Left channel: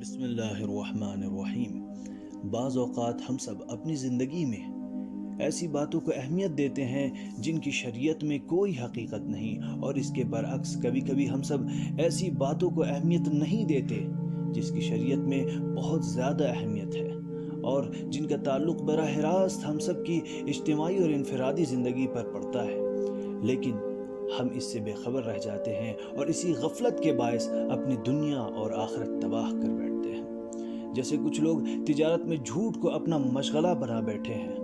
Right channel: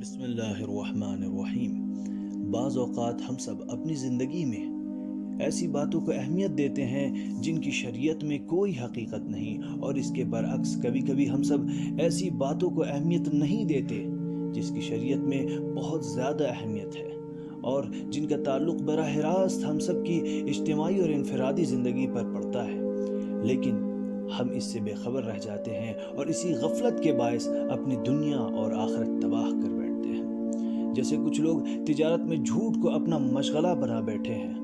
بسم اللہ الرحمن الرحیم۔ بعض اوقات ہم سب اپنی زندگی میں ایسی باتوں کو اہمیت دیتے ہیں جن کی شریعت میں کوئی حقیقت نہیں، اور اس کے برعکس کبھی کبھی ہم سب ایسی باتوں کو اہمیت نہیں دیتے جس کی شریعت میں بہت زیادہ اہمیت ہے اور جن کا تعلق براہ راست ہم سب کی اجتماعی اور انفرادی زندگی پر پڑتا ہے، لیکن ہم اس سے بے خبر رہ جاتے ہیں اور اسی غفلت کے باعث اپنی دنیا اور آخرت تباہ کر بیٹھتے ہیں۔ جیسے کچھ لوگ تجارت میں جھوٹ کو اپنا مشغلہ بنا بیٹھے ہیں،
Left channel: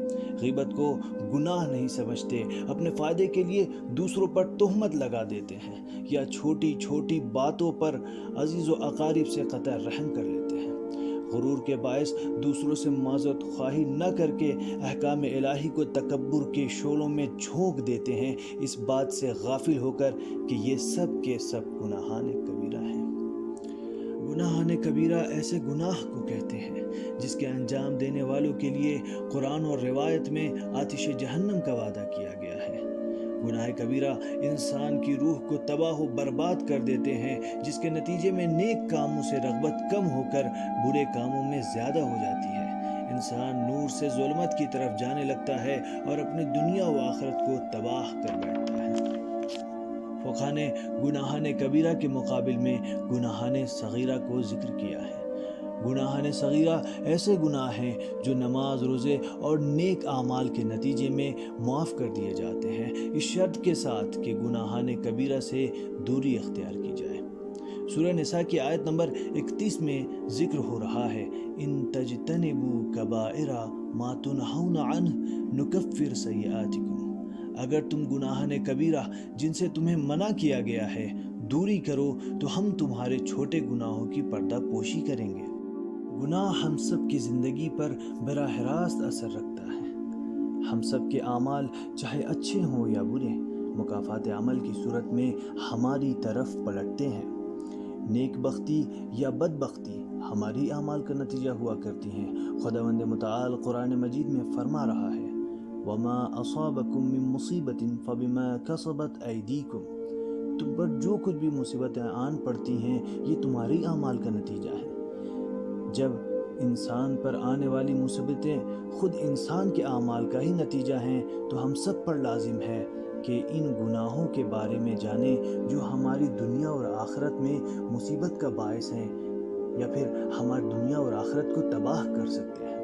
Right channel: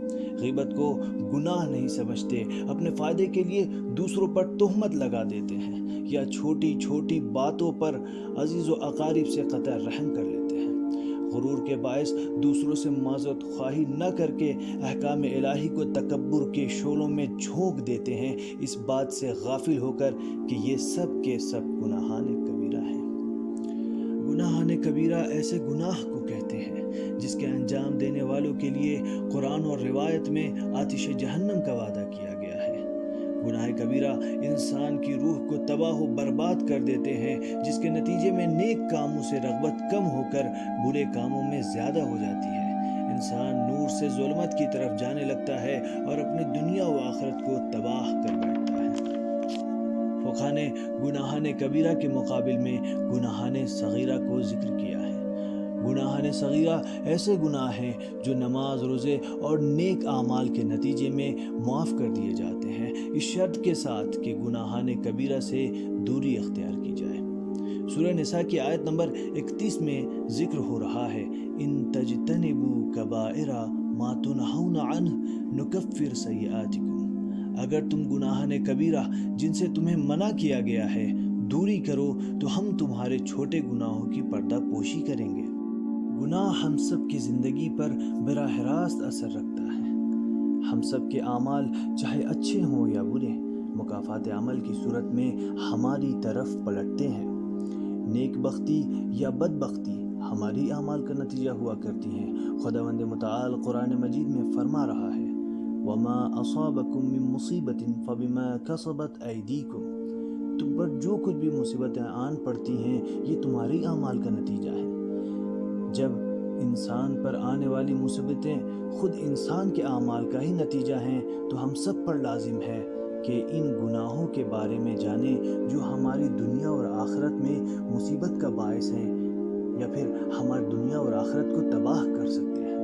غیبت کو گناہ نہیں سمجھتے، اپنے فائدے کے لیے دوسروں پر تہمت لگا دیتے ہیں، یا چھوٹی چھوٹی باتوں پر عزیز و اقارب سے قطع رحم کر لیتے ہیں۔ غرور کے باعث دوسروں سے معذرت خواہی نہ کر کے احکام الہی کو تکبر کے شعلوں میں جھونک دیتے ہیں، اس بات سے غافل ہو کر کہ یہ سب کے سب گناہان کبیرہ ہیں۔ گناہان کبیرہ ایسے گناہ کو کہتے ہیں جس کے انجام دینے والوں کے لیے قرآن اور روایت میں آتش جہنم کا وعدہ کیا گیا ہے۔ گناہ کبیرہ انسان کی روح کو تباہ و برباد کر دیتے ہیں، جس کے نتیجے میں نیک کاموں سے رغبت کم ہو کر برے کاموں میں زیادہ ہو جاتی ہے۔ انسان نور سے ظلمت کی طرف جانے لگتا ہے اور اپنی دنیا و آخرت کو تباہ کر بیٹھتا ہے۔ فقہ نے گناہان کبیرہ کے مقابل میں گناہان صغیرہ کو ذکر کیا ہے۔ گناہان صغیرہ ایسے گناہ ہیں جو نماز، روزے اور نیک اعمال کے نتیجے میں معاف کر دیے جاتے ہیں، اس شرط کے ساتھ کہ گناہان کبیرہ سے دوری اختیار کی جائے۔ سورہ نساء کی آیت نمبر 31 میں ذکر ہو رہا ہے، ان تجتنبوا کبائر ما تنہون عنہ نکفر سیئاتکم۔ اگر تم گناہان کبیرہ جن سے تمہیں منع کیا گیا ہے دوری کرو تو ہم تمہارے چھوٹے گناہوں کی پردہ پوشی کریں گے۔ گناہ ہم سب کی زندگی پر براہ راست اثر رکھتا ہے۔ ہم سب کے اعمال چاہے اچھے ہوں یا برے، مکافات عمل کی صورت میں ہماری طرف پلٹتے ہیں۔ نیک بختی یا بدبختی ہماری اعمال کا نتیجہ ہوا کرتی ہیں۔ خداوند متعال قرآن مجید میں فرما رہا ہے، وَمَا أَصَابَكُم مِّن مُّصِيبَةٍ فَبِمَا كَسَبَتْ أَيْدِيكُمْ۔ تم پر جو کچھ بھی مصیبتیں آن پڑتی ہیں یہ تمہاری اعمال کا نتیجہ ہے۔ جب انسان پر آنے والی مصیبتیں خود انسان کے اعمال کا ہی نتیجہ ہیں تو ہم سب پر لازم ہے کہ ان گناہوں کے بارے میں جانیں جو ہماری دنیا اور آخرت میں مصیبت کا باعث ہیں یا پھر ہماری دنیا اور آخرت کو تباہ کر سکتے ہیں۔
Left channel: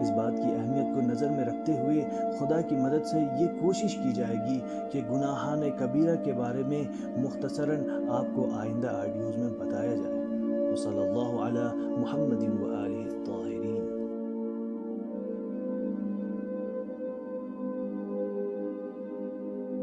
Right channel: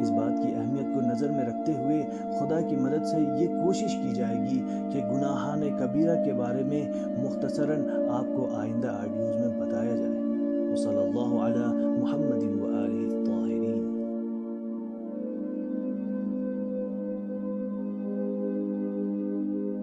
اس بات کی اہمیت کو نظر میں رکھتے ہوئے خدا کی مدد سے یہ کوشش کی جائے گی کہ گناہان کبیرہ کے بارے میں مختصراً آپ کو آئندہ آڈیوز میں بتایا جائے۔ وصلی اللہ علی محمد و آلہ